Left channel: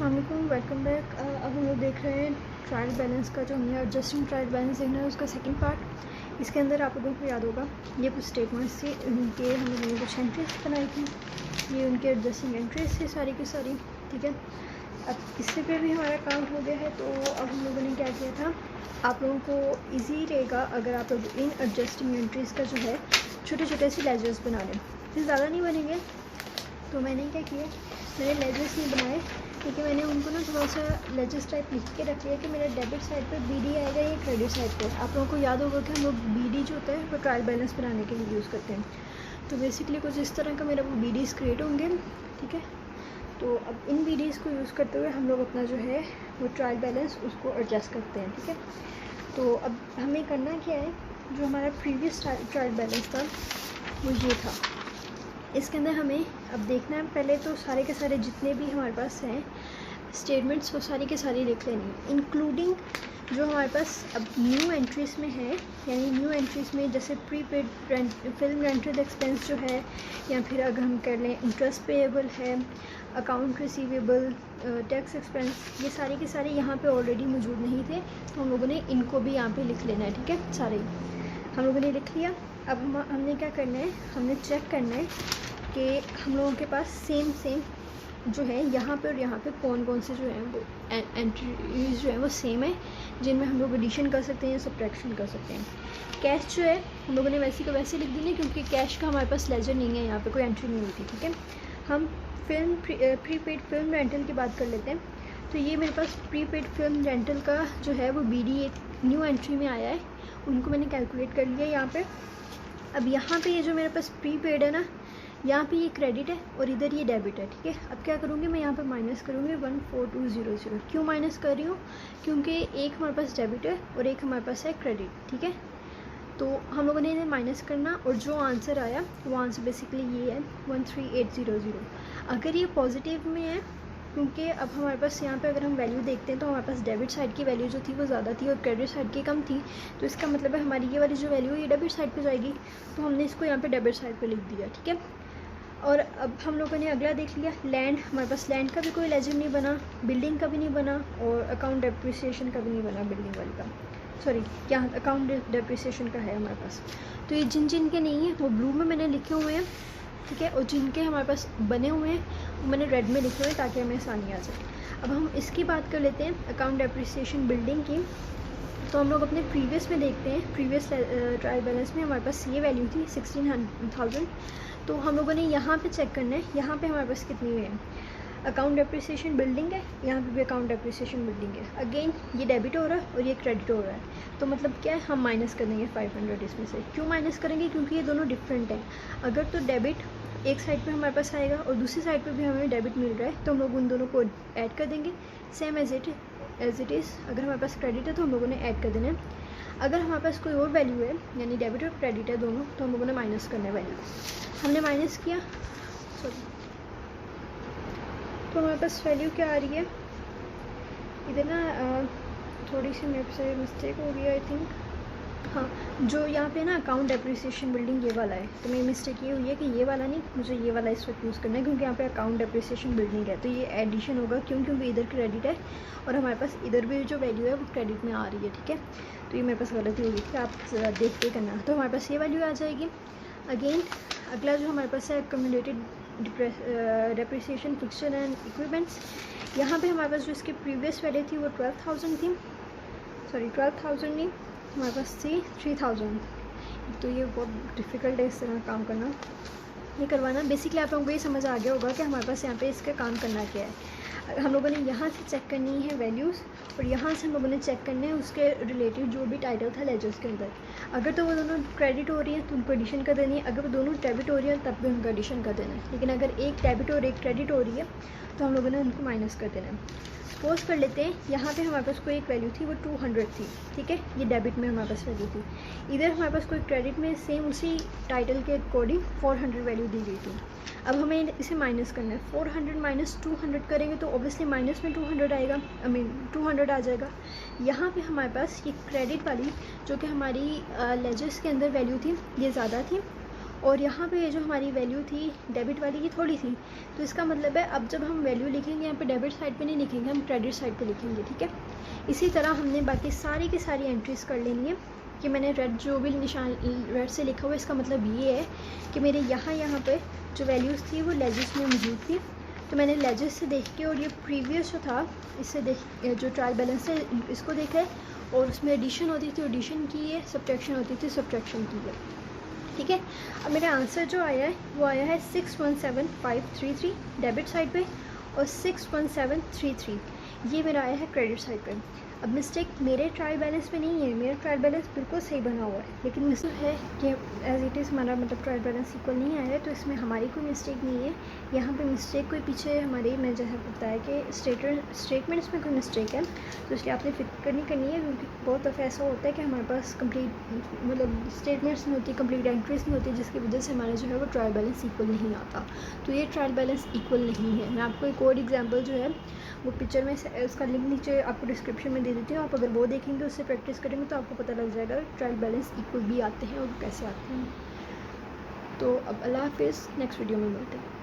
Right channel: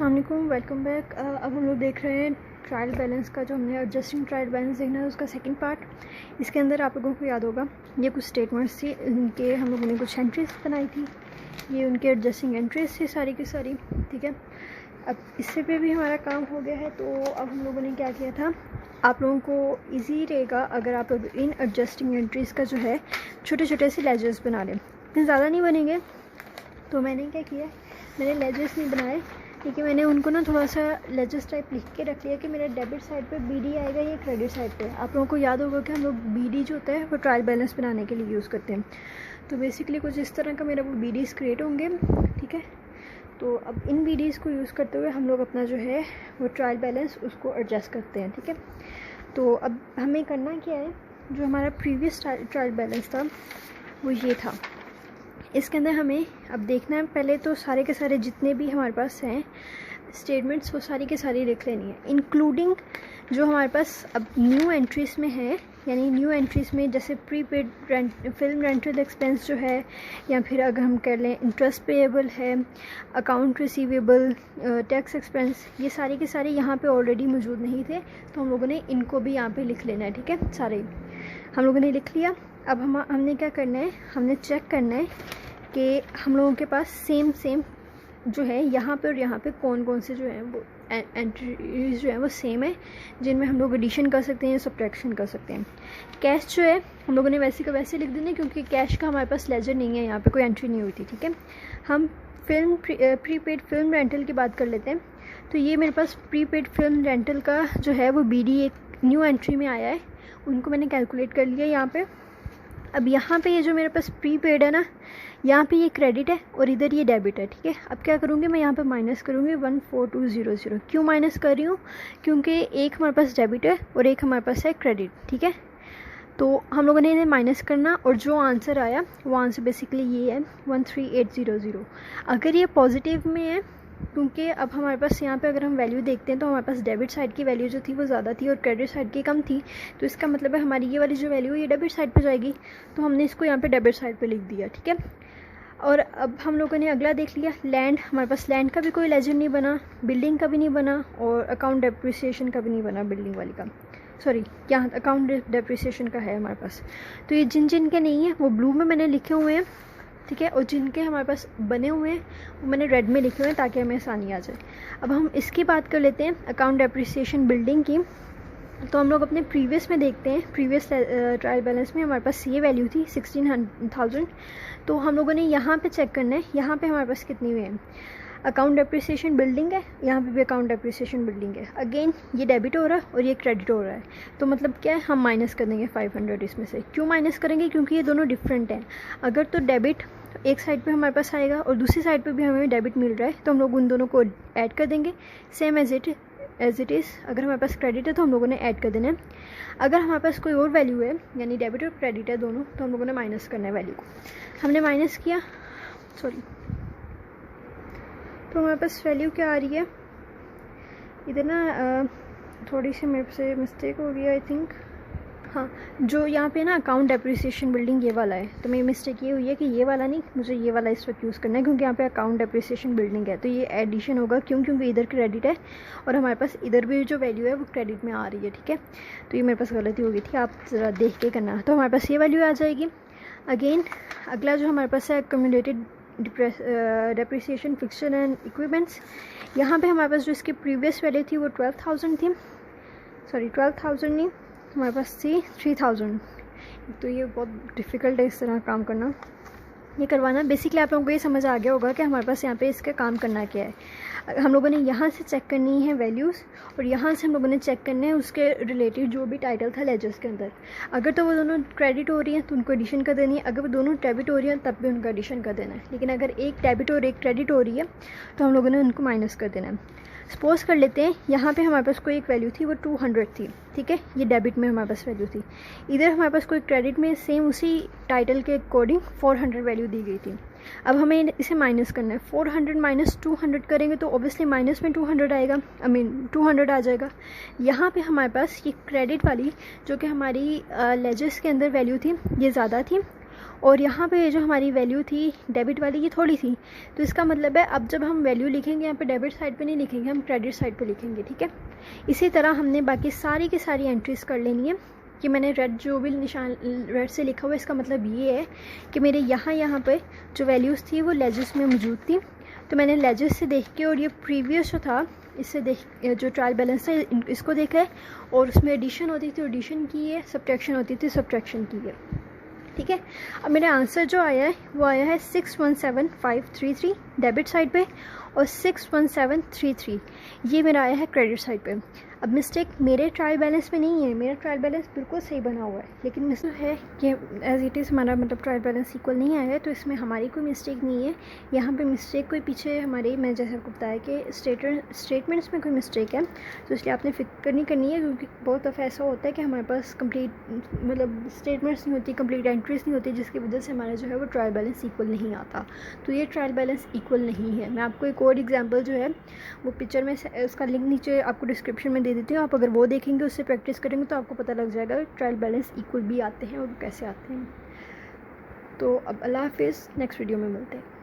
अस्सलाम वालेकुम, welcome back. अब हम लोग देख रहे हैं ट्रायल बैलेंस का, जो हमने एडजस्टिंग ट्रायल बैलेंस देखना है उसका सेकंड पार्ट। इसके अंदर आप लोगों को याद होगा ये कुछ स्टेटमेंट्स थी, उनके हम लोगों ने कुछ एंट्रीज बनाई थी, ये उनके एडजस्टिंग एंट्रीज थी सारी की सारी, ठीक है। अब इससे पे भी हमारा काम हो गया है, तो अब हम लोगों ने क्या किया था, आप लोगों को ईजी रहेगा अगर आप लोग इन एडजस्टिंग एंट्रीज़ का जो है छोटे छोटे से लेजर्स बना लें। इतने ज़्यादा नहीं बनेंगे, तो मैंने क्या किया, मैंने लेजर्स नहीं बनाए क्योंकि मैंने उनको ना थोड़ा सा लेजर्स टाइप लिख के रख लिया कि मेरा डेबिट साइड पे बीडी आएगा, ये क्रेडिट साइड पे। आप लोगों को याद होगा कि हम लोग बीडी जो होता है वो ट्रायल बैलेंस बनाने के लिए यूज़ करते हैं। तो बेसिकली कुछ इस तरह का मेरा वो बीडीज़ क्रिएट होंगे, ठीक है। तो अब इन बीडीज़ को यूज़ करते हुए हम लोग अपना जो है वो ट्रायल बैलेंस उसको एडजस्ट करते हैं, ठीक है। तो अब हमें करना क्या है, जो हमारा प्रीवियस ट्रायल बैलेंस था वो ये था। इसके अंदर हमें अब देखना है, पहले तो सारे के सारे जितने भी हमारे पास हैं स्टेटमेंट्स वो सारी के सारी लिख लेनी है, इंक्लूडिंग जो हमारे पास अब न्यू एंट्रीज़ में है। यानी न्यू एंट्रीज़ में जैसे प्रीपेड फिल्म रेंटल एक्सपेंस जो है, या फिर अगर हम कर लें इंटरेस्ट पेएबल है, अकाउंट रिसीवेबल, टैक्स एक्सपेंस, ये सारी के सारी यहाँ पे ऑलरेडी मौजूद नहीं थे, तो हम लोगों ने इनको भी यहाँ पे लिख लेना है, ठीक है। सारे हम लोगों ने लिख लिया। अब हमने क्या करना है, हमने चेक करना है कि हम लोगों के पास सेम जो है यहाँ पे और यहाँ पे कौन कौन से जो है वो एंट्रीज जो है वो सेम है, जिनमें हम लोग एडिशन कर सकते हैं या सब्ट्रैक्शन कर सकते हैं। कैश जो है हम लोगों ने वैसे का वैसे लिख देना, क्योंकि कैश का हमारे पास लेजर नहीं है, यहाँ पे कोई एंट्री नहीं होती, ठीक है। हम प्रीपेड फिल्म रेंटल की बात कर लेते हैं। तो ये मेरे पास प्रीपेड फिल्म रेंटल का जो है वो बीडी एक न्यू एंट्री में आया है, उनको मैंने कैलकुलेट कर लिया यहाँ पे। अब यहाँ पे ये जो मेरे पास प्रीपेड है ना, यहाँ पे ये क्रेडिट है और इधर ये डेबिट है, ठीक है। अब क्या करूँगी, मैं यहाँ पे माइनस करूँगी 14200। क्यों माइनस कर रही हूँ, क्योंकि एक हमारे पास डेबिट है और एक हमारे पास है क्रेडिट, ठीक है। तो हम लोगों ने इन्हें माइनस करना, और जो आंसर आया वो आंसर बेसिकली ये है 13800। अगर ये पॉजिटिव में है, क्योंकि अब हमारे पास यहाँ पे अगर हम वैल्यू देखते हैं तो हमारे पास डेबिट साइड की वैल्यू जो थी वो ज़्यादा थी और क्रेडिट साइड की कम थी, तो इसका मतलब है हमारी ये वाली जो वैल्यू है ये डेबिट साइड पे जाएगी, तो हमने इसको यहाँ पे डेबिट साइड पे लिख दिया, ठीक है। और अब हम लोगों ने अगला देख लिया, लैंड। हमारे पास लैंड का भी कोई लेजर नहीं बना, बिल्डिंग का भी नहीं बना, और अकाउंट डेप्रिसिएशन का भी नहीं बना, बिल्डिंग वाली का, सॉरी यहाँ अकाउंट डेप्रिसिएशन का है हमारे पास। तो ये जिन के नहीं है वो ब्लू में मैंने लिखे हुए हैं, ठीक है, और जिनके हमारे पास बने हुए हैं वो मैंने रेड में लिखे हुए हैं ताकि हमें आसानी आ जाए। अब हम इसकी बात कर लेते हैं अकाउंट डेप्रिसिएशन बिल्डिंग की। तो हम लोग अपने प्रीवियस में देखते हैं, प्रीवियस ट्रायल बैलेंस में हमारे पास ये वैल्यू थी 16,000। तो हम लोगों ने यहाँ पे चेक करना है, यहाँ पे हमारे पास कितनी हुई है, अकाउंट डेप्रिसिएशन बिल्डिंग है, यहाँ पे भी अकाउंट डेप्रिसिएशन बिल्डिंग है। अगेन ये डेबिट हो रहा है और ये क्रेडिट हो रहा है, तो मतलब क्या है, हम माइनस कर देंगे 500 इसमें से। क्यों माइनस करेंगे, क्योंकि ये दोनों डिफरेंट हैं। अगर तो डेबिट एक साइड पे हमारे पास आएगा और दूसरी साइड पे भी हमें डेबिट मिल रहा है, तो हम लोग उन दोनों को ऐड कर देंगे सेम एज इट इज़। अगर हमारे पास क्रेडिट है तो हम लोगों ने ऐड कर देना है। अगर हमारे पास कोई और वैल्यू है, यानी डेबिट और क्रेडिट है दोनों, तो हम लोगों ने माइनस करना है वैल्यू को। हमने माइनस किया, सॉरी, तो हमारे पास वैल्यू क्या आ रही है इधर ना, थोड़ी सी मेरे से मिस्टेक हो रही है आई थिंक। हाँ, जो यहाँ पे ना अकाउंट डेप्रिसिएशन बिल्डिंग ये वाला है, तो मेरी मिस्टेक ये हुई है कि ये वाला नहीं, मुझे ये वाला इस वक्त यूज़ करना है, क्योंकि यहाँ पे अकाउंट डेप्रिसिएशन बिल्डिंग है, तो ये एडिशन होगा। क्योंकि इधर क्रेडिट है और हमारे पास इधर भी जो वैल्यू है वो क्रेडिट में आ रही है, ठीक है। तो ये मेरे पास गलती हो गई थी, आप ज़रा देख के करना। तो हमारे पास ये वैल्यू आ जाएगी। अगेन अगला जो हमारे पास है accumulated depreciation fixture and equipments. यहाँ पे हमारे पास जो इसकी प्रीवियस वैल्यू थी वो 12,000 थी, सॉरी 12,000 नहीं, हमारे पास थी 3,000। तो ये बहुत डिफ़िकल्ट है इस तरह काम करना, ये करवाना। बेसिकली आप लोगों को ये समझ आ गया होगा कि हमारे पास यहाँ पे इसका काम करना क्या है। हम लोगों ने यहाँ से चेक करनी है वैल्यूज़, और यहाँ से हम लोगों ने चेक करने हैं उसके रिलेटेड जो भी टाइटल था लेजर्स के अंदर। अगर तो वो दोनों क्रेडिट हो रही है तो उनको एडिशन कर देनी है, अगर वो दोनों डेबिट हो रही है तब भी उनका एडिशन कर देना है। लेकिन अगर एक डेबिट और एक क्रेडिट हो रही है तो हम लोगों ने उनको माइनस कर देना है। सपोज कर लेते हैं यहाँ पे हमारे पास कोई एक वैल्यू थी वो 200 थी, ठीक है, ये डेबिट में हमारे पास वैल्यू थी। इधर हमारे पास कोई क्रेडिट में सेम उसी टाइटल के अकॉर्डिंग 400 वैल्यू दी गई थी। अब हमें इसे माइनस करना है, 400 माइनस 200 करेंगे तो ऑब्वियसली माइनस में 200 आएगा, 200 आ जाएगा। यहाँ पे हमारे पास ये क्रेडिट वाली जो कि हमारी लेजर्स के अंदर वैल्यू थी ये ज़्यादा थी, और यहाँ पे जो हमारी वैल्यू थी डेबिट वाली, ये थोड़ी थी। तो इसका मतलब है अब जब हम वैल्यू लिखेंगे यहाँ पे डेबिट साइड पे नहीं लिखेंगे, हम क्रेडिट साइड पे लिखेंगे, ठीक है। इसी तरह हमने बाकी सारी की सारी एंट्रीज़ कर लेनी है। कि मैंने रेड जो भी निशान रेड से लिखा हुआ है, इसका मतलब ये है कि मेरे यहाँ पे जो वैल्यूज़ थी वो लेजेस में मौजूद थी। तो मैंने लेजेस से देख के और ये प्रीवियस जो था इससे देख, जो ट्रायल बैलेंस है इसको देखा है, और उसमें एडिशन होती थी एडिशन की है, सब्ट्रैक्शन होती थी सब्ट्रैक्शन की है, ठीक है। अब मेरा आंसर जो आया है वो आया है 617533 डेबिट साइड पे, और 61733 ये मेरा आया है क्रेडिट साइड पे। अब मिस्टेक मेरे ट्रायल बैलेंस में नहीं है, मेरा ट्रायल बैलेंस बिल्कुल सही बना हुआ है, लेकिन मिस्टेक है कि एज इट इज़ हमारा मतलब ट्रायल बैलेंस इक्वल नहीं आया है, तो इसमें हमारी कोई मिस्टेक नहीं है। यहाँ पे मिस्टेक कोई पीछे हमारे, मैं जैसे बताया कि स्टेटमेंट्स में कोई मिस्टेक है, तो इसलिए आपने फिक्र नहीं करनी है, क्योंकि बहुत दफ़ा ऐसा होता है कि हमारे पास कंप्लीट मतलब स्टेटमेंट्स नहीं होती, कंप्लीट एंट्रीज नहीं होती, जिसकी वजह से हमारा जो है वो ट्रायल बैलेंस इक्वल नहीं आता। तो ये ट्रायल बैलेंस इक्वल नहीं है। मैं आपको एक और एग्जांपल जो है वो पिक्चर में उसका लिंक नीचे आपको डिस्क्रिप्शन में दे देती हूँ, आप अगर वो देखेंगे उससे प्रैक्टिस करेंगे तो आपको पता लग जाएगा ट्रायल बैलेंस इक्वल भी आते हैं और कैसे आते हैं। तो अब अल्लाह हाफिज़, नेक्स्ट वीडियो में मिलते हैं।